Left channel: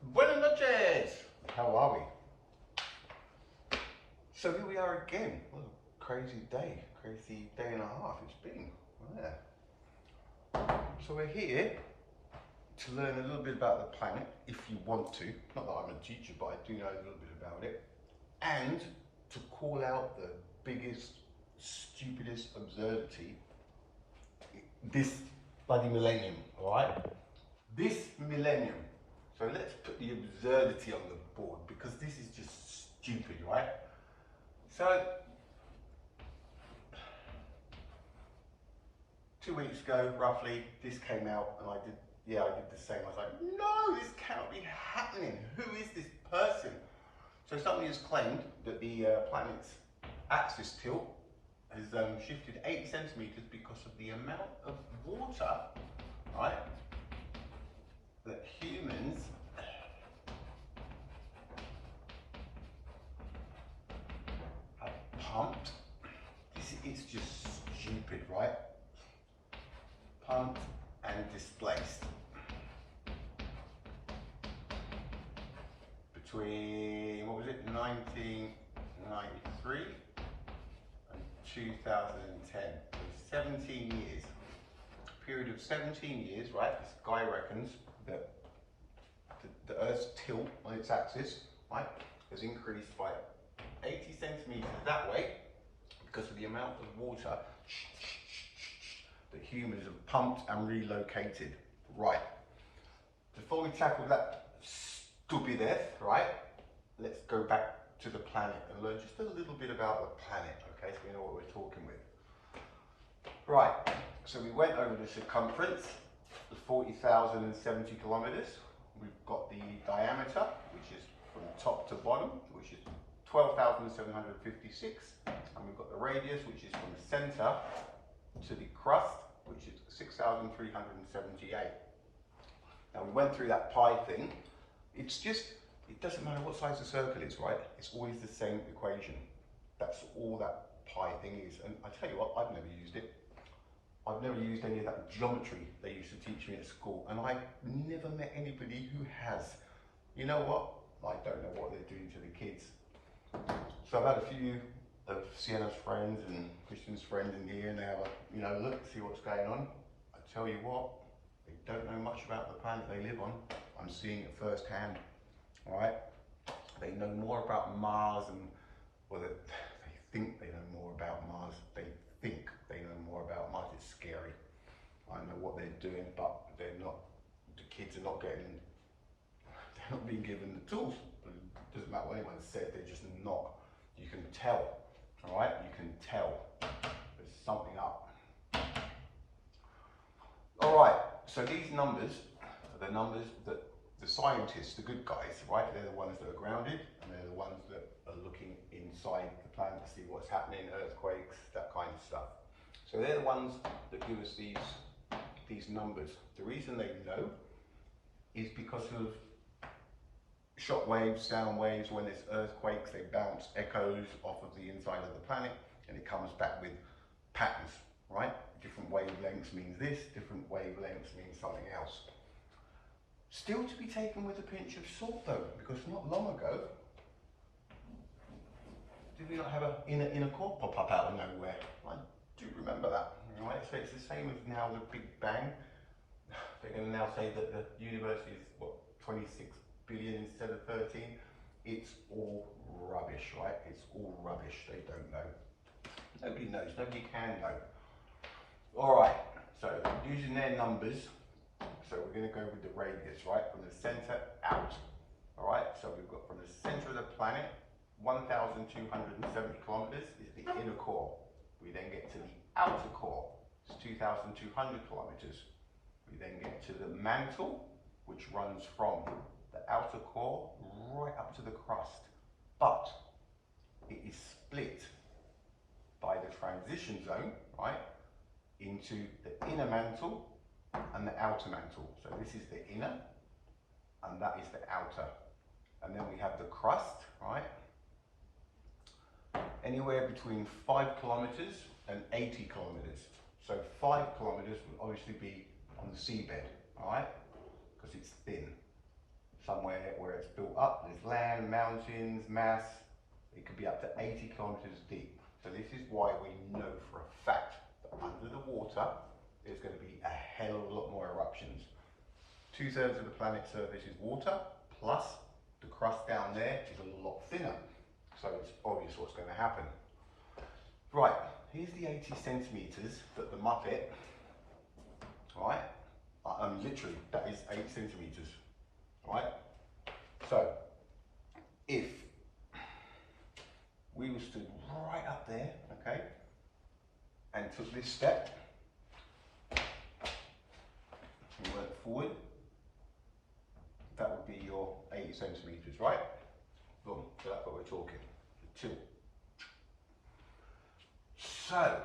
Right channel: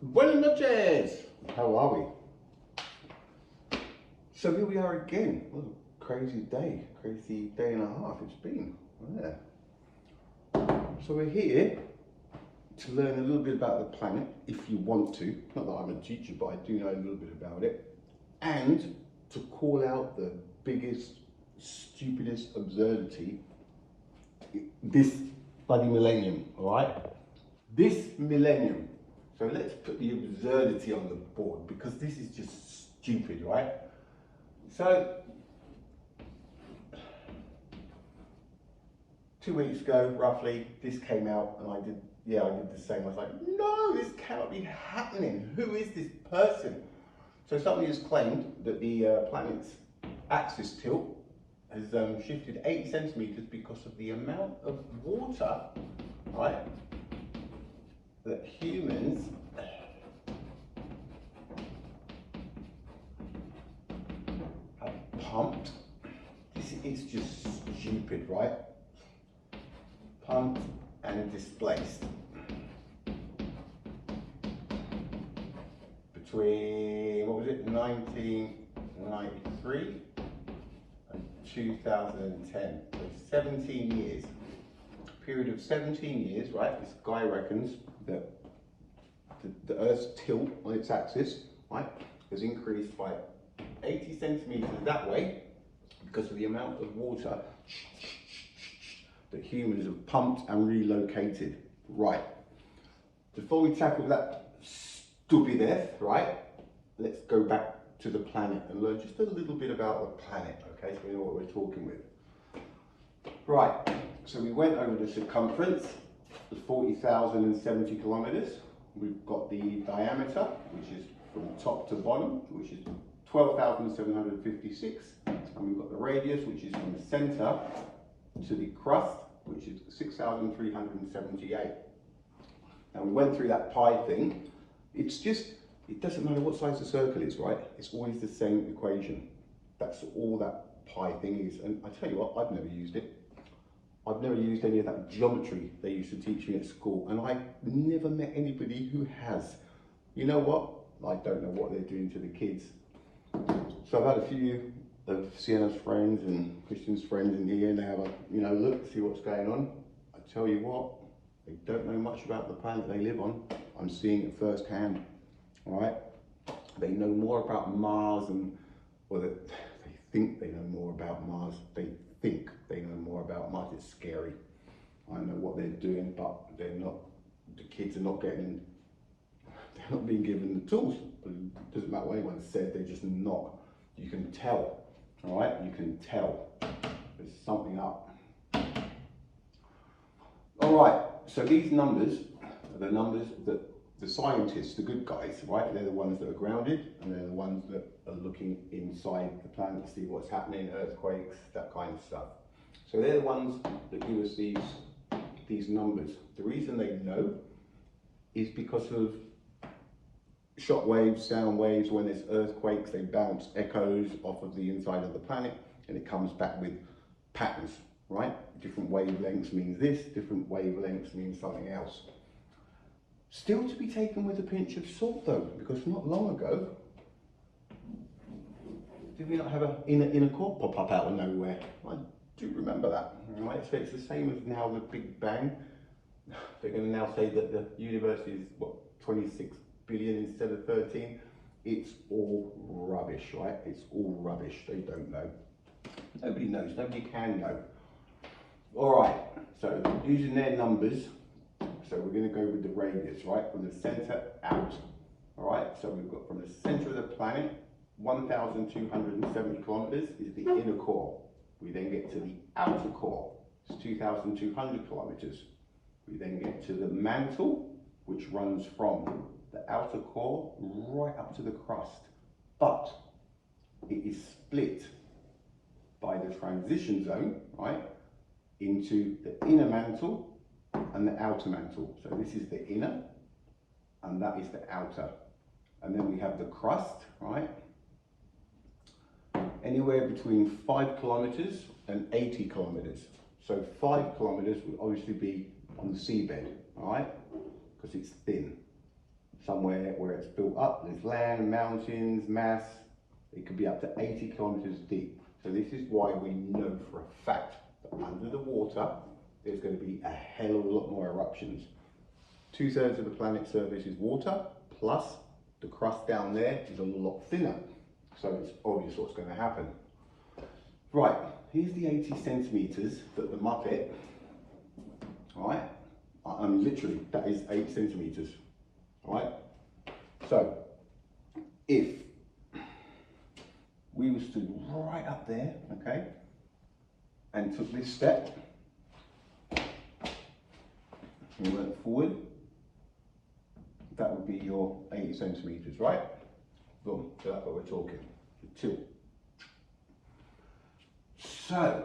Buenas noches! How are we? So here we are again. What a crazy day and a half it's been. Yeah. So we're here to learn a little bit about the planet, if you want to. Not that I'm a teacher, but I do know a little bit about it. And to call out the biggest, stupidest absurdity this bloody millennium, all right? This millennium. So let's put the absurdity on the board because this is just stupid, right? So, 2 weeks ago, roughly, this came out and I did the same. I was like, no, this cannot be happening. Who is this person? So somebody has claimed that the planet's axis tilt has shifted 80 centimeters because of the amount of water, right, that humans have pumped. This is just stupid, right? Pumped and displaced between, what was it, 1993 and 2010. So 17 years. A period of 17 years, right? This guy reckons that the Earth's tilt on its axis, right, has increased by 80 centimeters that way because of the amount of water that humans have pumped and relocated. Right. Before we tackle that stupidest, right, let's go back to the planet and learn just a little bit about the planet, okay, so we know what we're talking with. Right, so we went over the circumference, the 40,070 kilometers. We've got the diameter, which is from top to bottom, which is 12,756. And we've got the radius, which is from the center to the crust, which is 6,378. And we went through that pi thing. It's just, it doesn't matter what size the circle is, right? It's always the same equation. That's all that pi thing is. And I tell you what, I've never used it. I've never used any of that geometry they used to teach me at school, and I never met anybody who has. You know what? I don't know what they're doing to the kids. So I've had a few of Sienna's friends and Christian's friends in here, and they have a, look, see what's going on. I tell you what, they don't know much about the planet they live on. I'm seeing it firsthand, all right? They know more about Mars and, well, they think they know more about Mars. They think they know more about Mars. It's scary. I know what they're doing, but they're not, the kids are not getting, they're not being given the tools. It doesn't matter what anyone said, they're just not. You can tell, all right? You can tell there's something up. All right, so these numbers are the numbers that the scientists, the good guys, right? They're the ones that are grounded, and they're the ones that are looking inside the planet to see what's happening, earthquakes, that kind of stuff. So they're the ones that give us these numbers. The reason they know is because of shock waves, sound waves. When there's earthquakes, they bounce echoes off of the inside of the planet, and it comes back with patterns, right? Different wavelengths means this, different wavelengths means something else. Still to be taken with a pinch of salt though, because not long ago, did we not have an inner core pop up out of nowhere? I do remember that, right? So it's the same as now the Big Bang. They're going to now say that the universe is, what, 26 billion instead of 13. It's all rubbish, right? It's all rubbish. They don't know. Nobody knows. Nobody can know. All right. So using their numbers, so we're going to go with the radius, right? From the center out. All right. So we've got from the center of the planet, 1,270 kilometers is the inner core. We then get to the outer core. It's 2,200 kilometers. We then get to the mantle, which runs from the outer core right up to the crust. But it is split by the transition zone, right, into the inner mantle and the outer mantle. So this is the inner and that is the outer. And then we have the crust, right? Anywhere between 5 kilometers and 80 kilometers. So 5 kilometers would obviously be on the seabed, all right? Because it's thin. somewhere where it's built up, there's land, mountains, mass, it could be up to 80 kilometers deep. So this is why we know for a fact that under the water, there's going to be a hell of a lot more eruptions. 2/3 of the planet's surface is water, plus the crust down there is a lot thinner. So it's obvious what's going to happen. Right, here's the 80 centimeters that the Muppet, all right, I'm literally, that is 8 centimeters, all right? So, if we were stood right up there, okay, and took this step, and went forward, that would be your 80 centimeters, right? Boom, so that's what we're talking, the tilt. So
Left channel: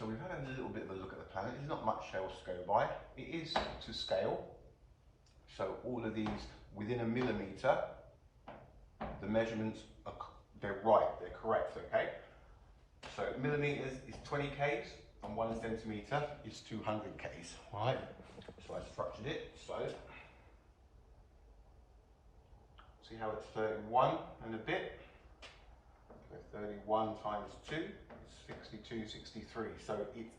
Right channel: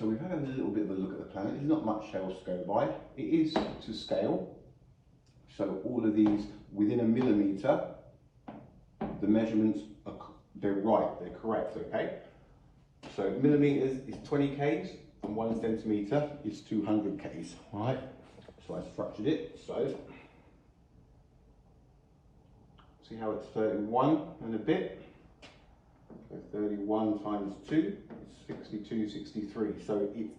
we've had a little bit of a look at the planet. There's not much else to go by. It is to scale. So all of these within a millimeter, the measurements are, they're right, they're correct, okay? So millimeters is 20 Ks and 1 centimeter is 200 Ks, all right? So I structured it, so see how it's 31 and a bit? So 31 times 2 is 62, 63. So it's,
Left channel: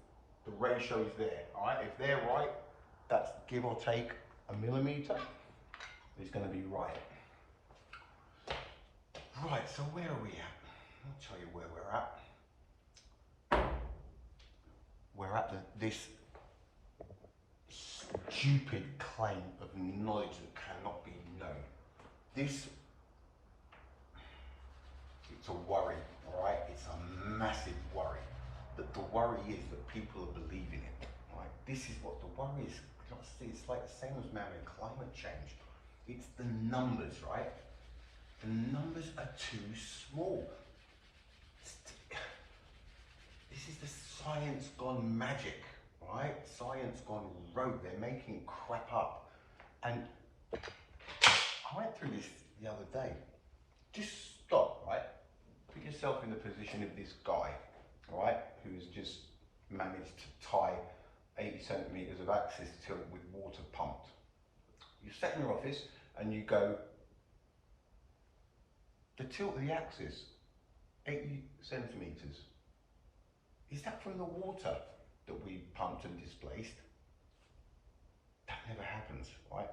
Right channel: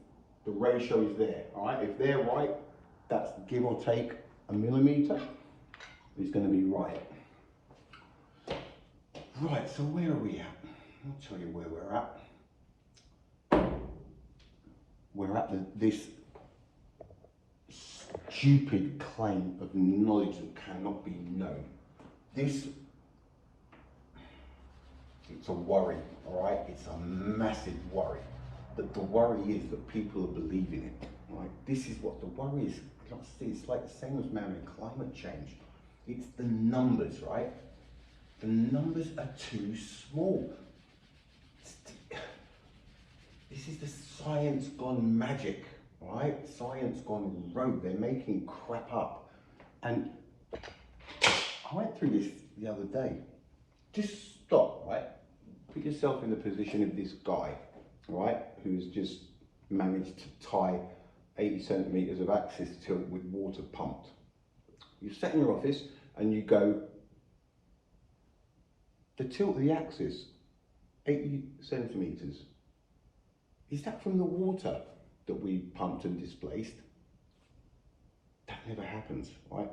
the ratio is there, all right? If they're right, that's give or take a millimeter, is going to be right. Right, so where are we at? I'll tell you where we're at. We're at this stupid claim of knowledge that cannot be known. This, it's a worry, all right? It's a massive worry. But the worry is that people are believing it, all right? This is what the worry is. It's like the same as man-made climate change. It's the numbers, right? The numbers are too small. This is the science gone magic, right? Science gone rogue. They're making crap up. And I went through this the other day. Just stop, right? Put yourself in the position of this guy, right? Who's just managed to tie 80 centimeters of axis tilt with water pumped. You sit in your office and you go, the tilt of the axis, 80 centimeters. Is that from the water that we pumped and displaced? That never happens, right?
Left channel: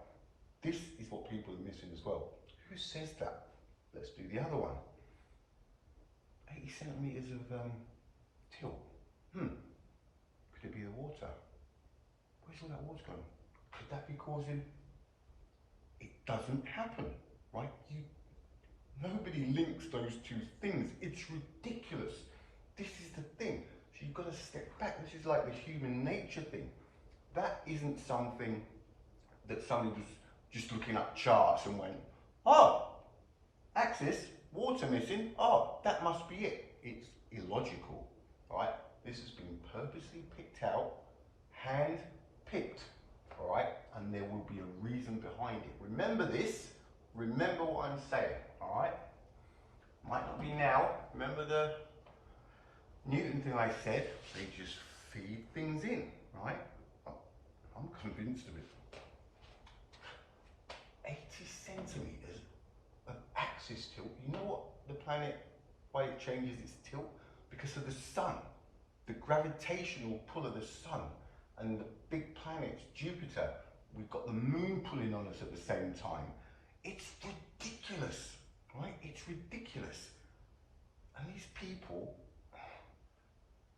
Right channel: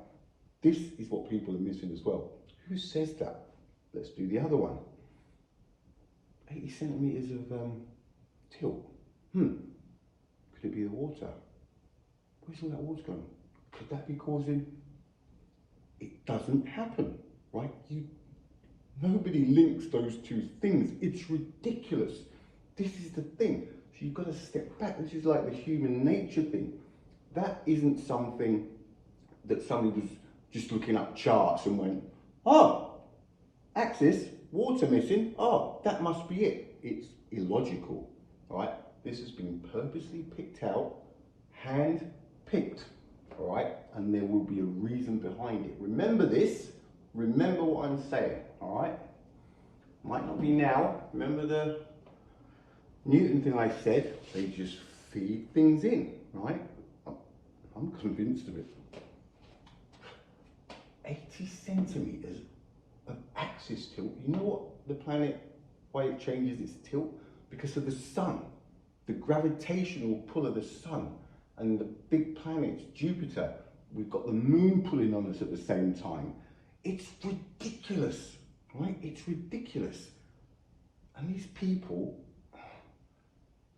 This is what people are missing as well. Who says that? Let's do the other one. 80 centimeters of tilt. Could it be the water? Where's all that water going? Could that be causing? It doesn't happen, right? Nobody links those two things. It's ridiculous. This is the thing. So you've got to step back. This is like the human nature thing. That isn't something that somebody was just looking up charts and went, oh, axis, water missing, oh, that must be it. It's illogical, right? This has been purposely picked out, hand-picked, all right? And there will be a reason behind it. Remember this, remember what I'm saying, all right? Might not be now. Remember the Newton thing I said? They just feed things in, right? I'm convinced of it. 80 centimeters of axis tilt. You know what the planet, why it changes its tilt? Because of the sun. The gravitational pull of the sun and the big planets, Jupiter. We've got the moon pulling on us at the same time. It's ridiculous, right? It's ridiculous. And these people,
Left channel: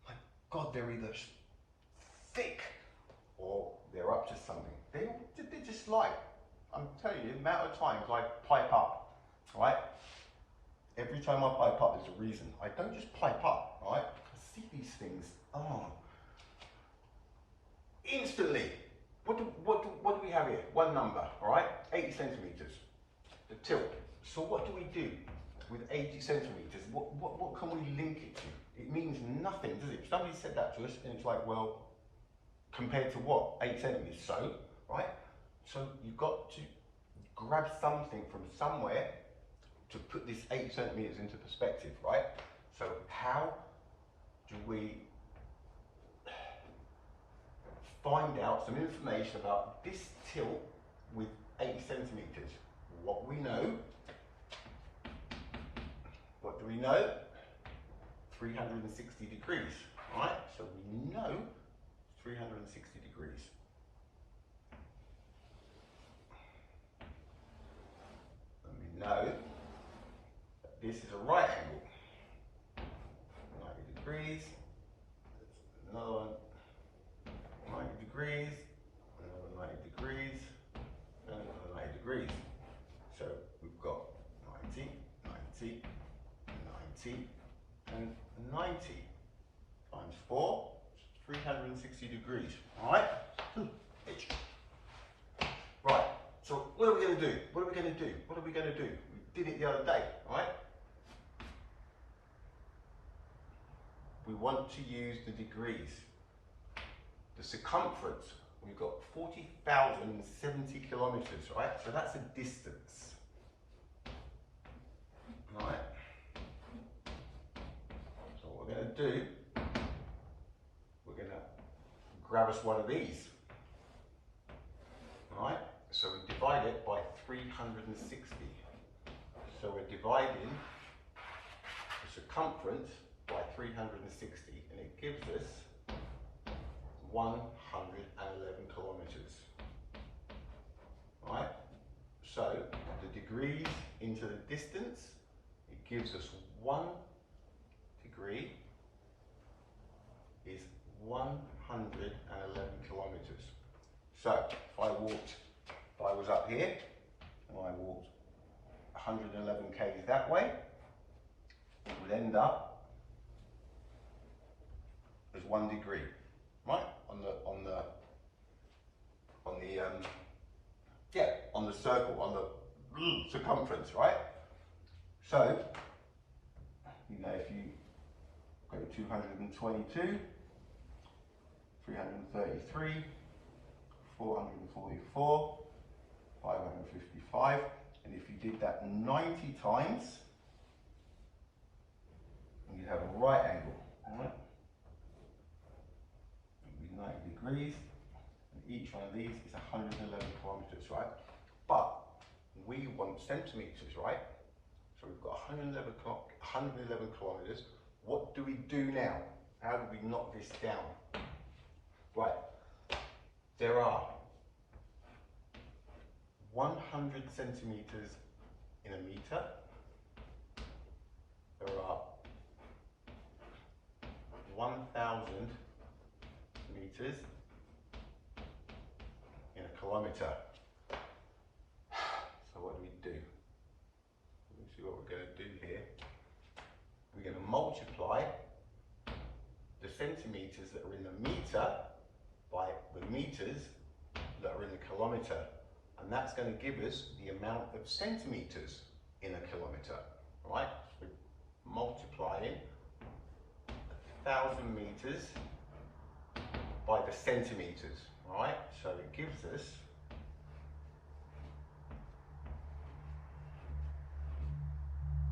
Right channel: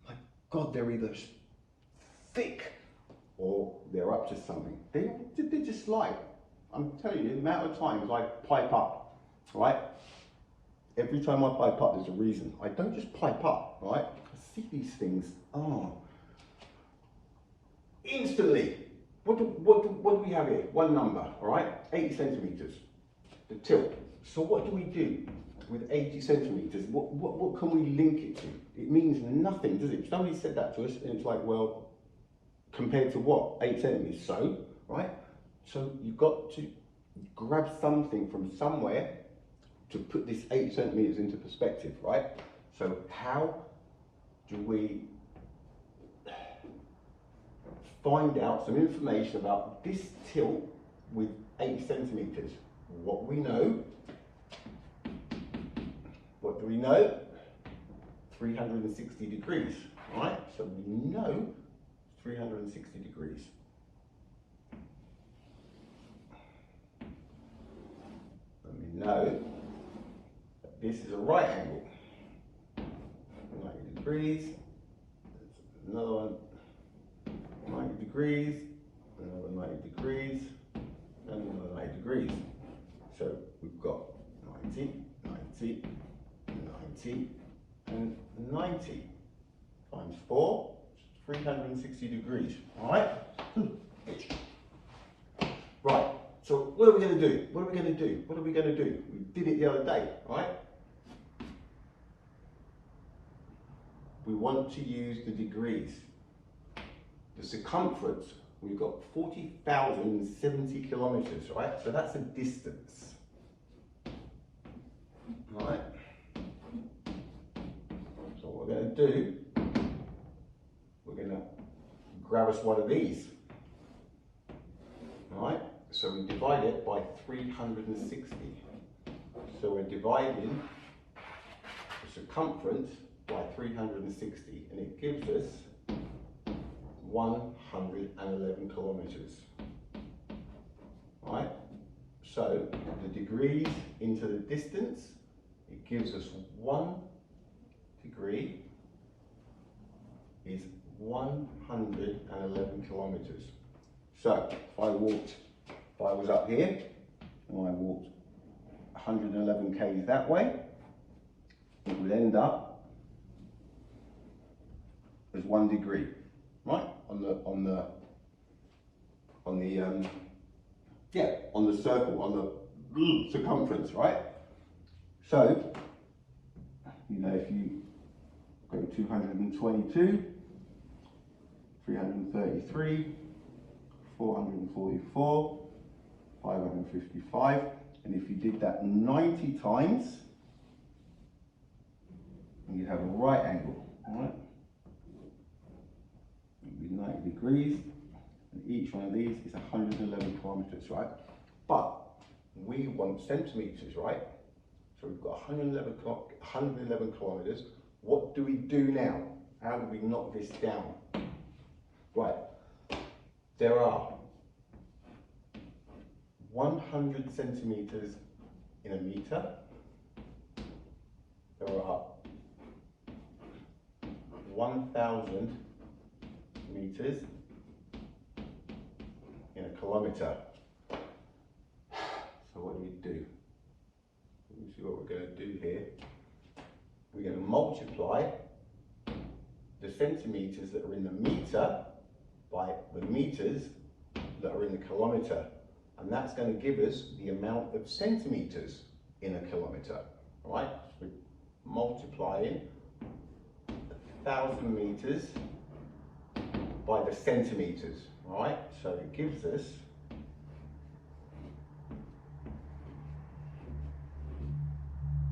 my God, they're either thick or they're up to something. They just lie. I'm telling you, the amount of times I pipe up, right? Every time I pipe up, there's a reason. I don't just pipe up, right? I see these things, instantly. What do we have here? One number, all right? 80 centimeters, the tilt. So what do we do with 80 centimeters? What can we link it to? It means nothing, does it? Somebody said that to us, and it's like, well, compared to what? 8 centimeters, so, right? So you've got to grab something from somewhere to put this 80 centimeters into perspective, right? So how do we find out some information about this tilt with 80 centimeters? what we know. What do we know? 360 degrees, right? So we know 360 degrees. And we know that this is a right angle. 90 degrees, another one, 90 degrees, another 90 degrees, and another 90 degrees. So we've got 90, 90, 90, and 90 times 4, 360 degrees, all right? Right, so what are we going to do? What are we going to do? What are we going to do? We did it the other day, right? We want to use the degrees. The circumference, we've got 40,070 kilometers, right? So that's a distance, right? So what we're going to do, we're going to grab us one of these, right? So we divide it by 360. So we're dividing the circumference by 360, and it gives us 111 kilometers, right? So the degrees into the distance, it gives us 1 degree is 111 kilometers. So if I was up here and I walked 111 k's that way, it would end up as 1 degree, right? On the circle, on the circumference, right? So, you know, if you go 222, 333, 444, 555, and if you did that 90 times, you have a right angle, all right? It would be 90 degrees, and each one of these is 111 kilometers, right? But we want centimeters, right? So we've got 111 kilometers. What do we do now? How do we knock this down? Right, there are 100 centimeters in a meter. There are 1,000 meters in a kilometer. So what do we do? Let me see what we're going to do here. We're going to multiply the centimeters that are in the meter by the meters that are in the kilometer. And that's going to give us the amount of centimeters in a kilometer, right? So we're multiplying 1,000 meters by the centimeters, right? So it gives us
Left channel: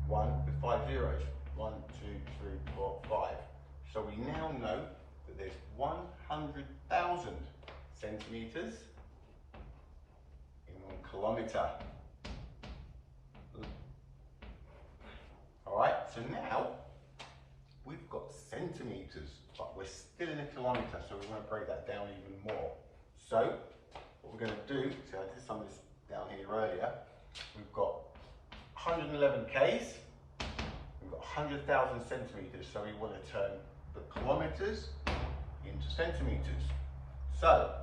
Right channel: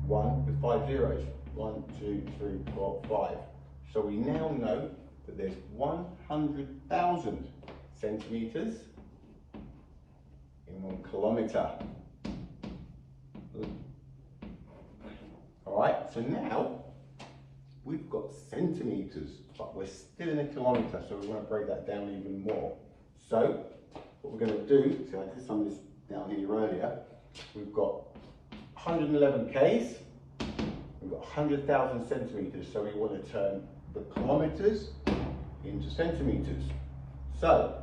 1 with 5 zeros. 1, 2, 3, 4, 5. So we now know that there's 100,000 centimeters in 1 kilometer. All right, so now we've got centimeters, but we're still in a kilometer, so we want to break that down even more. So what we're going to do, so I did some of this down here earlier, we've got 111 k's, we've got 100,000 centimeters, so we want to turn the kilometers into centimeters. So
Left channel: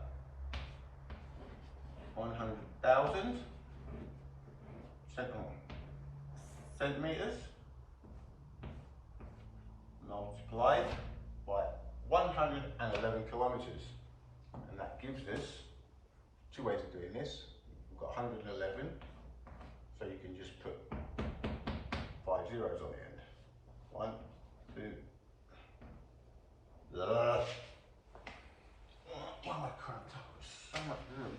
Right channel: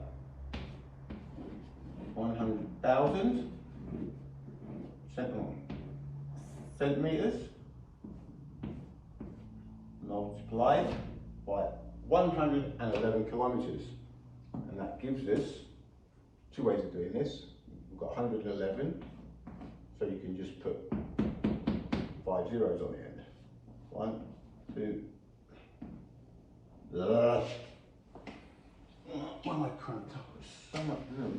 100,000 centimeters multiplied by 111 kilometers, and that gives us 2 ways of doing this. We've got 111, so you can just put 5 zeros on the end. 1, 2. Why am I cramped up? There's so much room.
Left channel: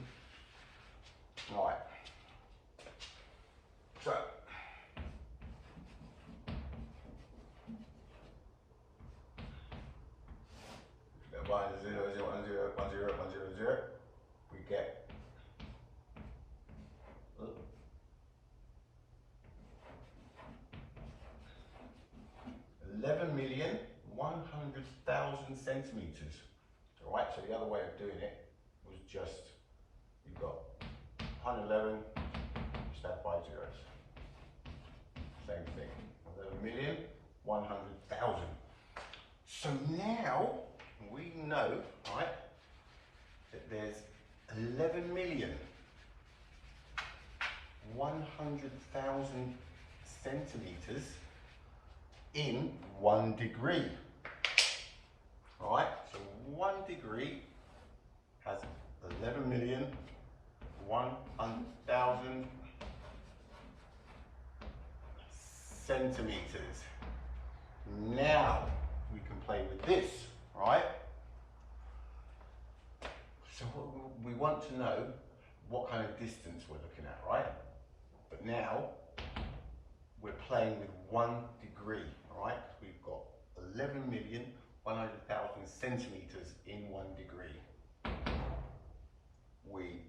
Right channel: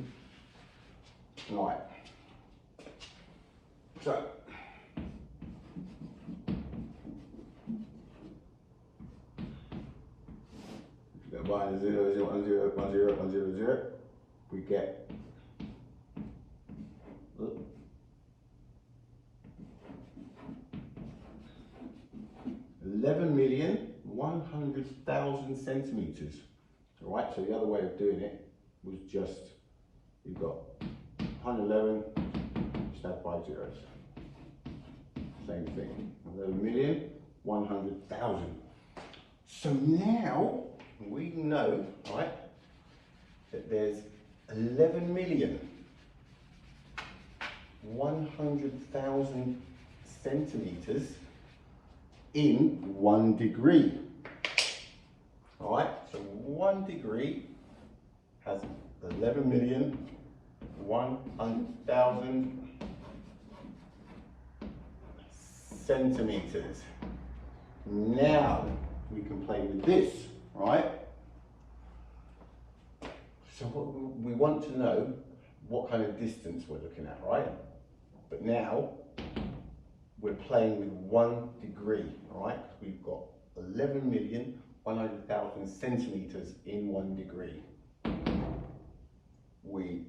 Right. So if you go 1 0 0 1 0 1 0 1 0 0, we get 11,100,000 centimeters. All right, so the other way of doing it was just, we've got 111, just add 5 zeros. Same thing, 11,100,000. So now we know, right, that there's 11,100,000 centimeters in 1 degree. All right, so 1 degree has 11,100,000 centimeters. Now we can play with this, right? So what we want to know what kind of distance we're looking at, right? But now we're playing with 1 degree, right? We've got 11,100,000 centimeters in 1 degree. We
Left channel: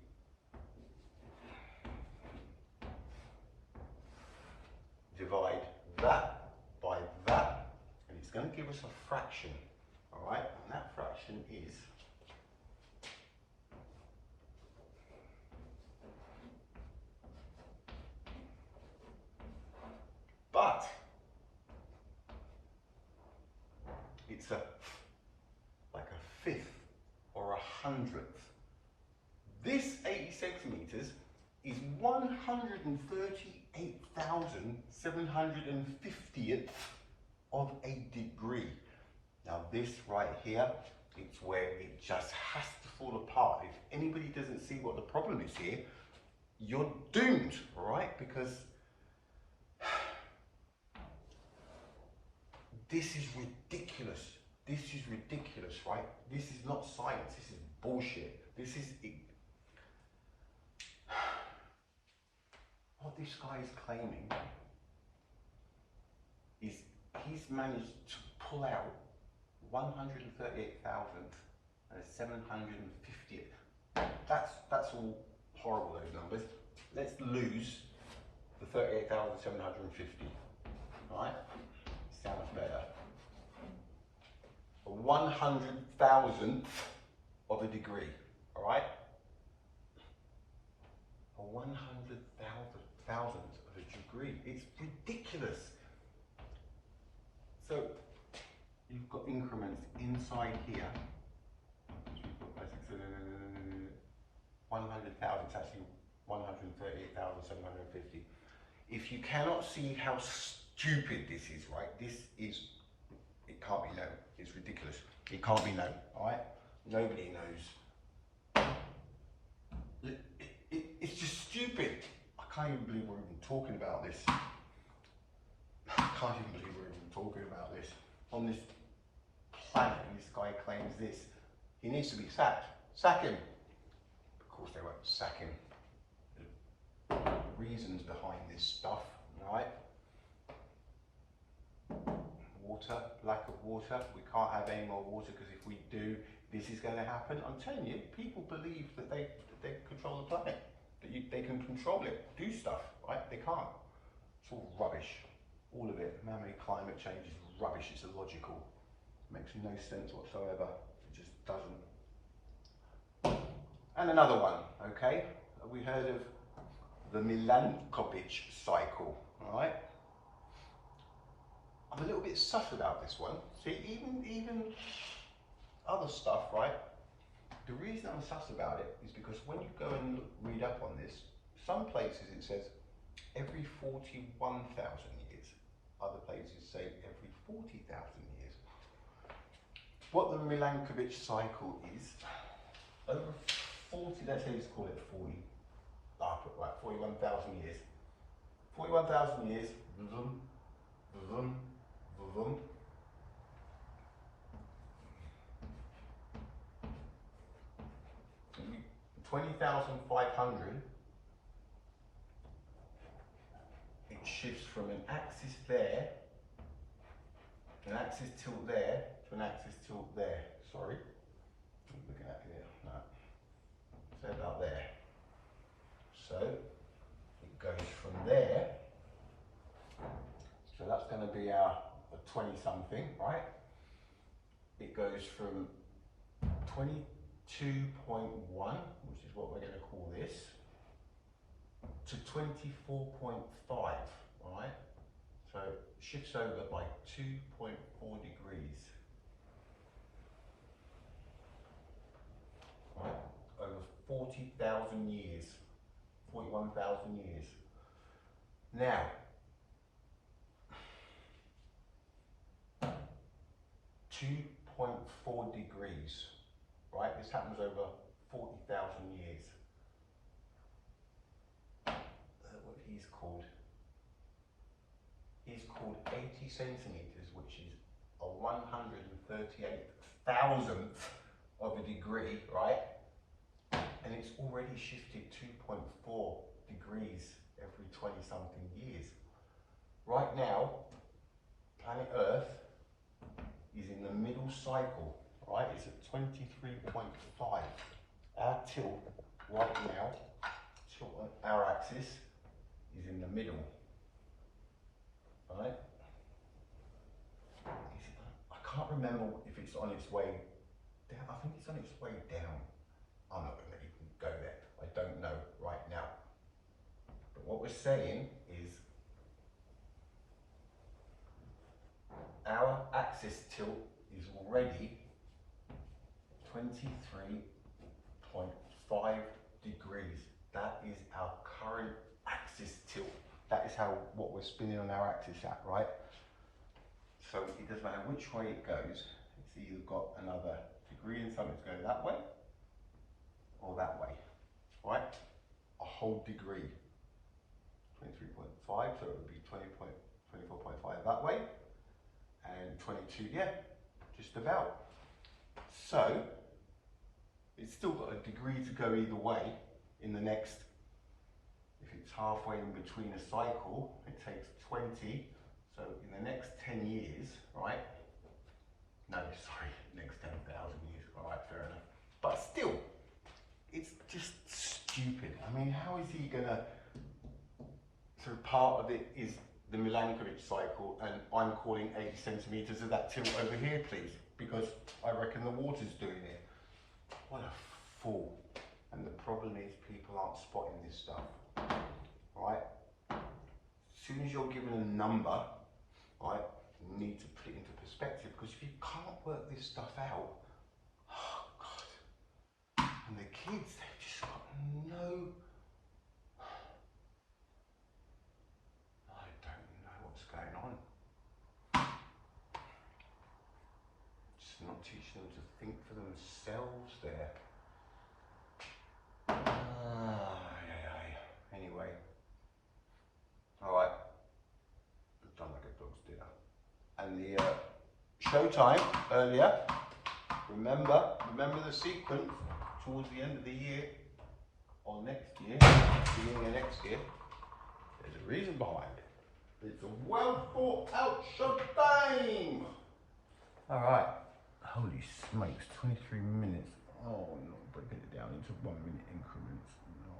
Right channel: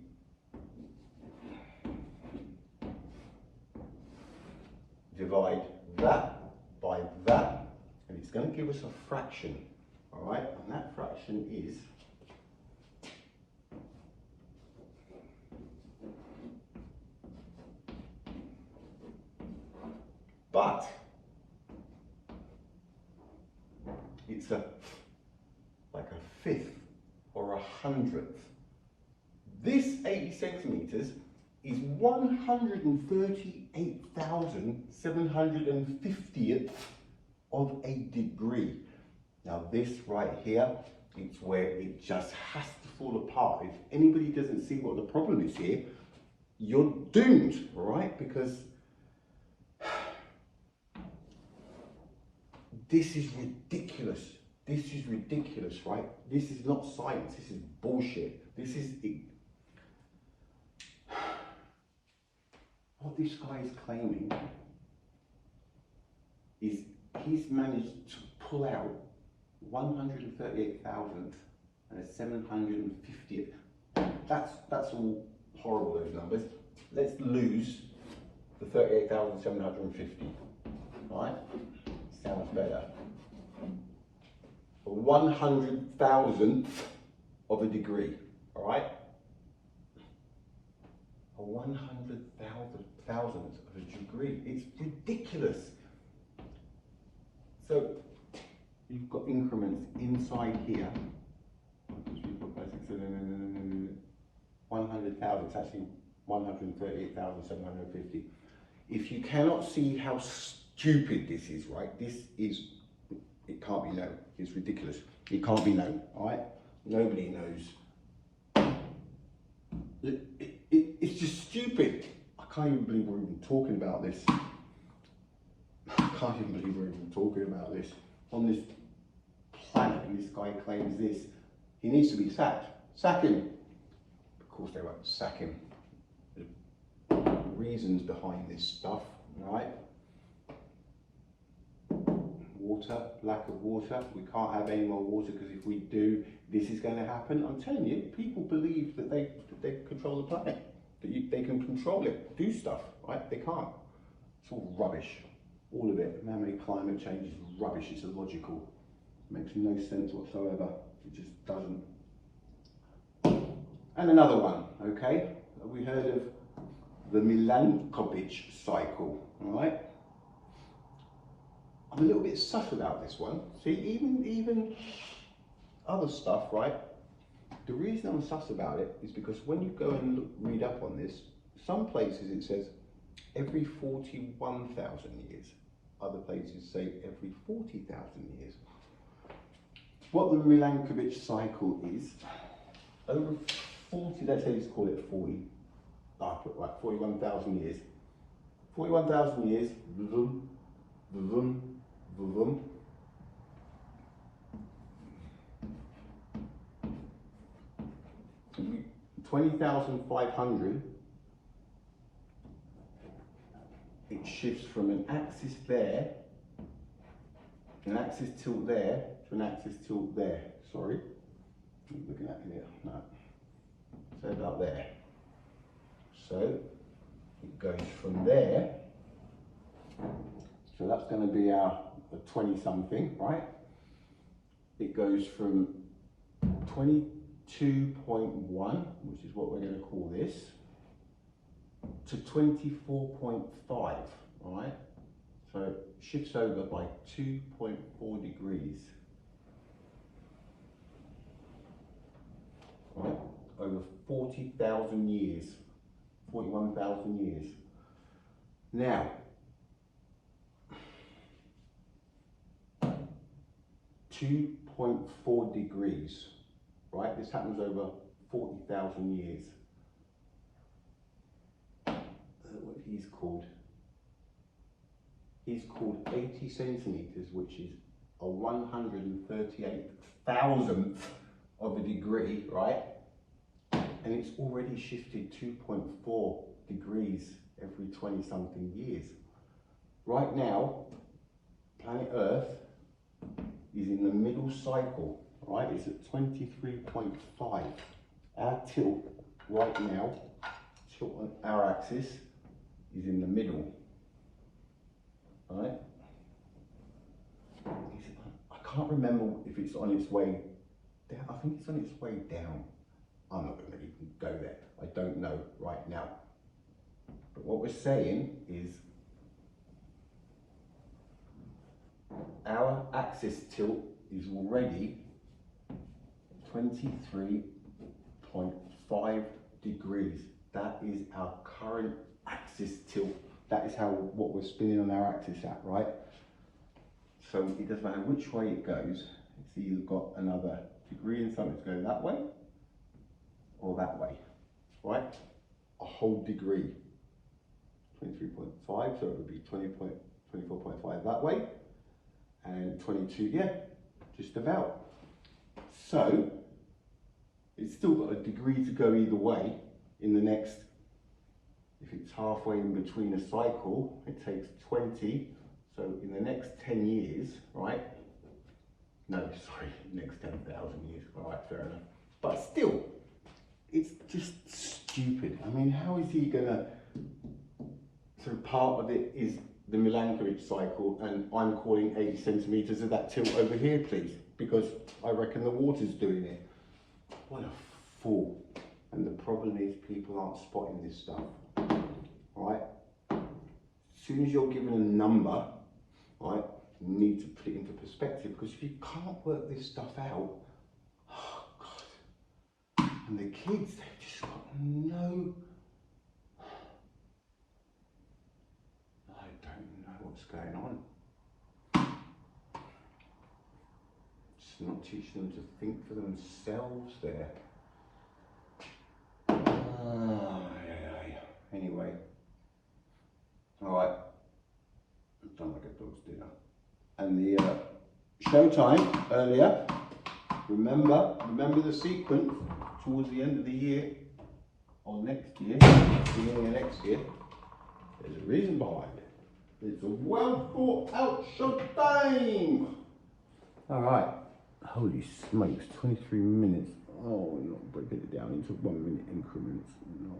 divide that by that, and it's going to give us a fraction, all right? And that fraction is but it's like a fifth or a hundredth. This 80 centimeters is 138,750th of a degree. Now this right here, it's where it just has to fall apart. If anybody doesn't see what the problem is here, you're doomed, right? Because this is ridiculous. This is ridiculous, right? This is not science, this is bullshit. This is it. What this guy is claiming is he's managed to pull out 138,750th. That's all horrible, those numbers. Let's lose the 38,750. All right? Sounds better. A 100,000th of a degree. All right? A 100,000th of a degree. It's ridiculous. So you've got increments inside here. 100,000. It's actually 138,750. If you cannot see how stupid this is, right? This is, it can't be known. It's ridiculous. It can't be known, all right? Nobody knows. It's just stupid. I can't even believe we're even talking about this. I can't even believe we're even talking about this. On this planet, and this guy claims this. He needs to be sacked. Sack him. Of course they won't sack him. There's reasons behind this stuff, right? Water, lack of water. We can't have any more water because if we do, this is going to happen. I'm telling you, people believe that they control the planet, that they can control it, do stuff, right? They can't. It's all rubbish, all of it. Man-made climate change is rubbish. It's illogical. It makes no sense whatsoever. It just doesn't. And another one, okay? We heard of the Milankovitch cycle, all right? I'm a little bit sus about this one. See, even other stuff, right? The reason I'm sus about it is because when you go and read up on this, some places it says every 41,000 years. Other places say every 40,000 years. What the Milankovitch cycle is, over 40, let's say let's call it 40, right, 41,000 years. 41,000 years, vroom, vroom, vroom. Mm-hmm. 20,500, it shifts from an axis there, an axis tilt there, to an axis tilt there. Sorry, I'm looking at here, no, so about there. So it goes from there, so that's going to be our a 20 something, right? It goes from 22.1, which is what we're going to call this, to 24.5, right? So it shifts over by 2.4 degrees, right? Over 40,000 years, 41,000 years. Now, 2.4 degrees, right? This happens over 40,000 years. What he's called? He's called 80 centimeters, which is a 138,000th of a degree, right? And it's already shifted 2.4 degrees every 20 something years. Right now, planet Earth is in the middle cycle, right? It's at 23.5. Our tilt right now, tilt on our axis, is in the middle, right? I can't remember if it's on its way down. I think it's on its way down. I'm not going to even go there. I don't know right now. But what we're saying is our axis tilt is already 23.5 degrees. That is our current axis tilt. That is what we're spinning on our axis at, right? So it doesn't matter which way it goes. It's either got another degree and something's going that way or that way, right? A whole degree. 23.5, so it would be 24.5 that way, and 22, yeah, just about. So it's still got a degree to go either way in the next, if it's halfway in between a cycle, it takes 20, so in the next 10 years, right? No, sorry, next 10,000 years, all right, fair enough. But still, it's just stupid. I mean, how is he gonna, so part of it is the Milankovitch cycle, and I'm calling 80 centimeters of that tilt over here, please, because I reckon the water's doing it. What a fool. And the problem is people aren't spotting this stuff, right? As soon as you're given a number, right, you need to put it into perspective, because if you can't work this stuff out, oh God, and the kids, they've just got no, I don't know what's going on. Just not teaching them to think for themselves there. Anyway, all right, I've done like a dog's dinner. And the showtime earlier, remember the sequence towards the end of the year, or next year, beginning of next year. There's a reason behind it. It's a well thought out showtime. All right, holy smokes, 23 minutes. Oh, we're not breaking it down into 1 minute increments. No.